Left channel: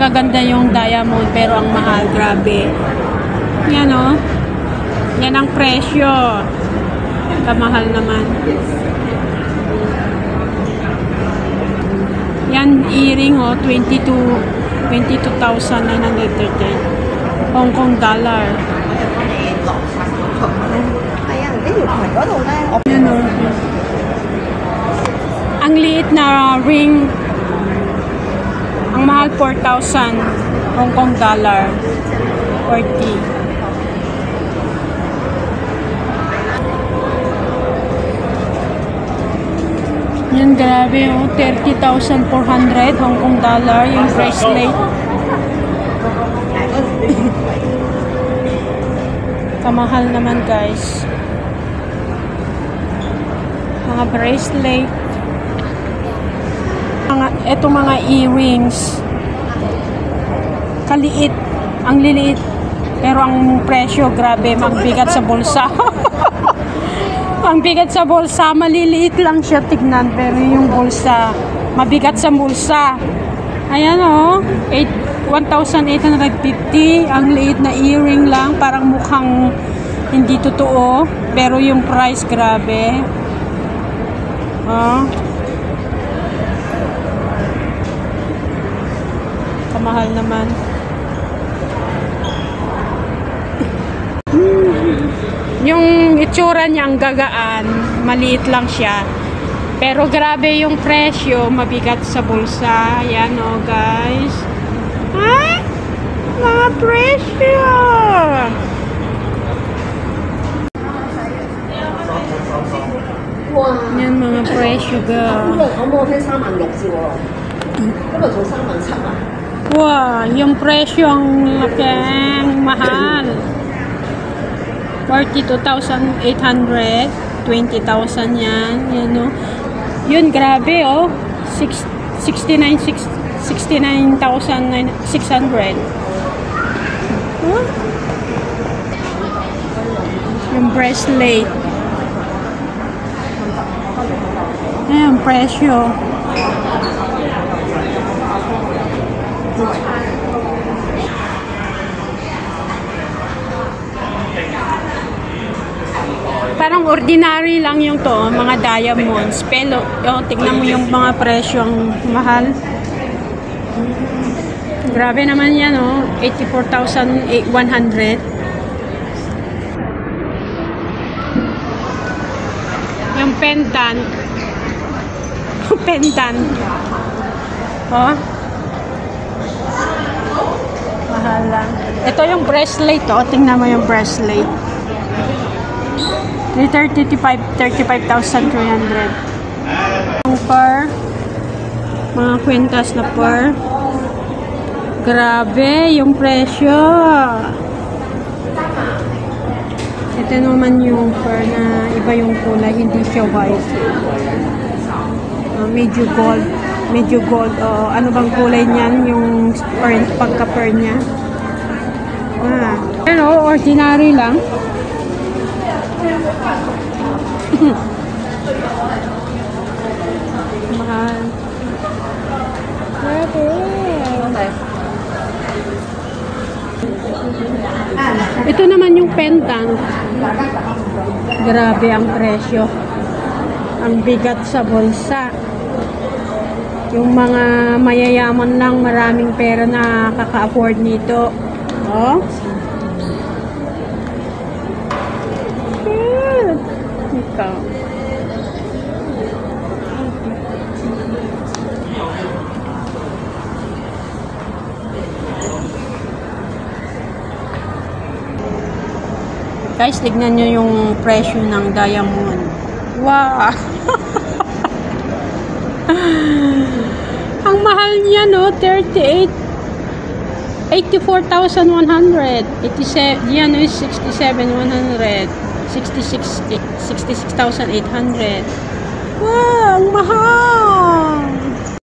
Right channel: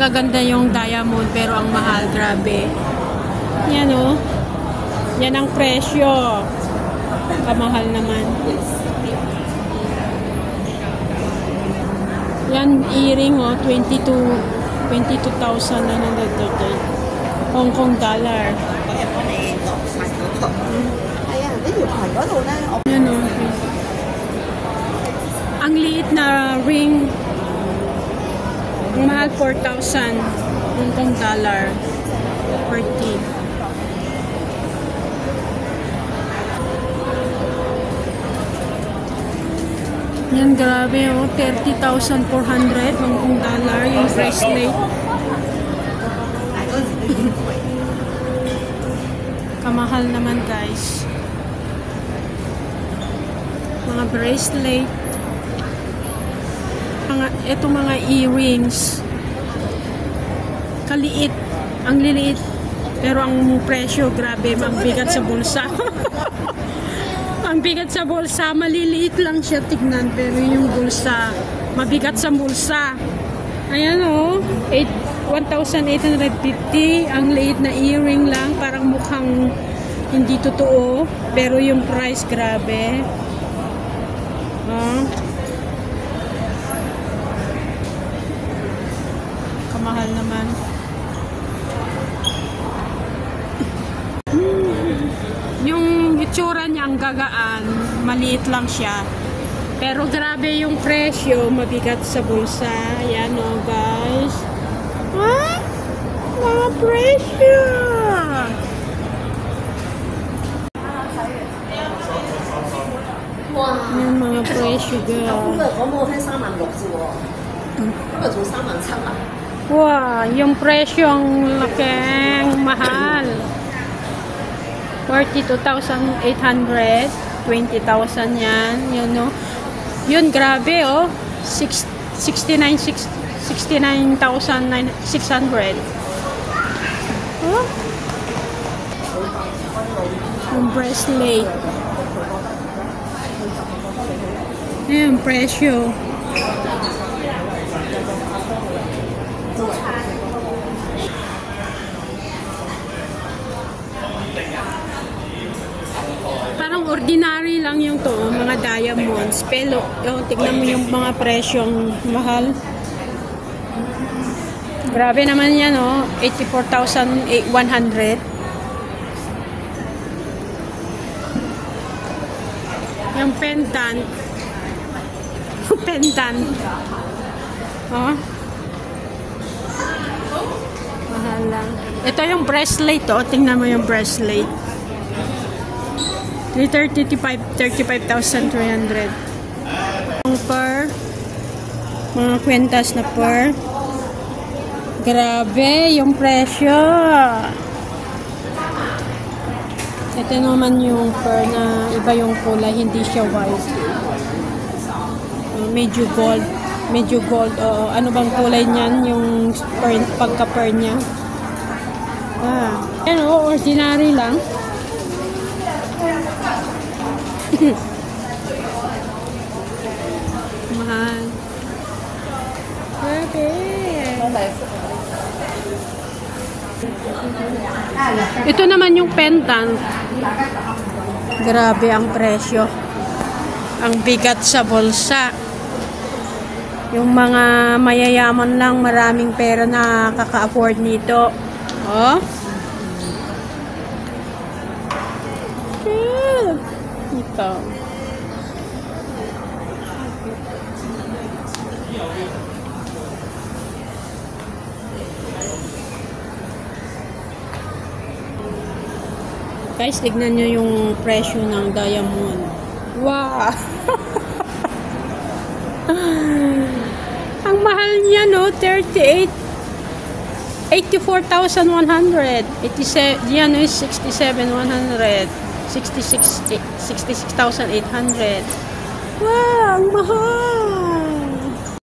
gaganda yung diamond pero ang mahal, grabe. Yan o. Yan ang presyo. Kamahal naman. Yan earring o, 22,930 Hong Kong dollar. Yan o. Ang liit na ring, ang mahal 4,000 Hong Kong dollar. 40. Yan, grabe oh, 30,400 Hong Kong dollar yung bracelet. Kamahal naman guys. Mga bracelet. Etong mga earrings. Kaliit. Ang liliit. Pero ang presyo, grabe, magbigat sa bulsa. Ang bigat sa bulsa, maliliit lang siya tignan, pero yung bulsa, mabigat sa bulsa. Ayan o, 1,850, ang liit na earring lang, parang mukhang hindi totoo, pero yung price, grabe. Kamahal naman. Yung itsura niya ang gagaan, maliit lang siya. Pero grabe yung presyo, mabigat sa bulsa. Ayan o guys. Ah! Mga presyo! Ayan mga presyo guys. Wow, yung presyo ang laking mahal. 42,800, 20,000 yan, you know. Yun, grabe, oh. 69,600. Oh. Yung bracelet. Ayan, presyo. Parang ordinary lang yung to, mga diamonds. Pero, tignan mo yung mga presyong mahal. Grabe naman yan, oh. 84,100. Yung pendant. Pendant. Oh. Mahal lang. Ito yung bracelet, oh. Tingnan mo yung bracelet. 35,300. Ang pearl, mga kwentas na pearl. Grabe yung presyo. Ito naman yung pearl na iba yung kulay, hindi siya white. Medyo gold. Medyo gold. Ano bang kulay niyan? Yung pagka-pearl niya. Pero ordinary lang. Mahal. Ito naman yung pendant. Grabe ang presyo. Ang bigat sa bulsa. Yung mga mayayaman lang, maraming pera na kaka-afford nito. Oh. Guys, tignan nyo yung presyo ng diamond. Wow! Ang mahal niya, no? 84,100. Yan is 67,100. 66,800.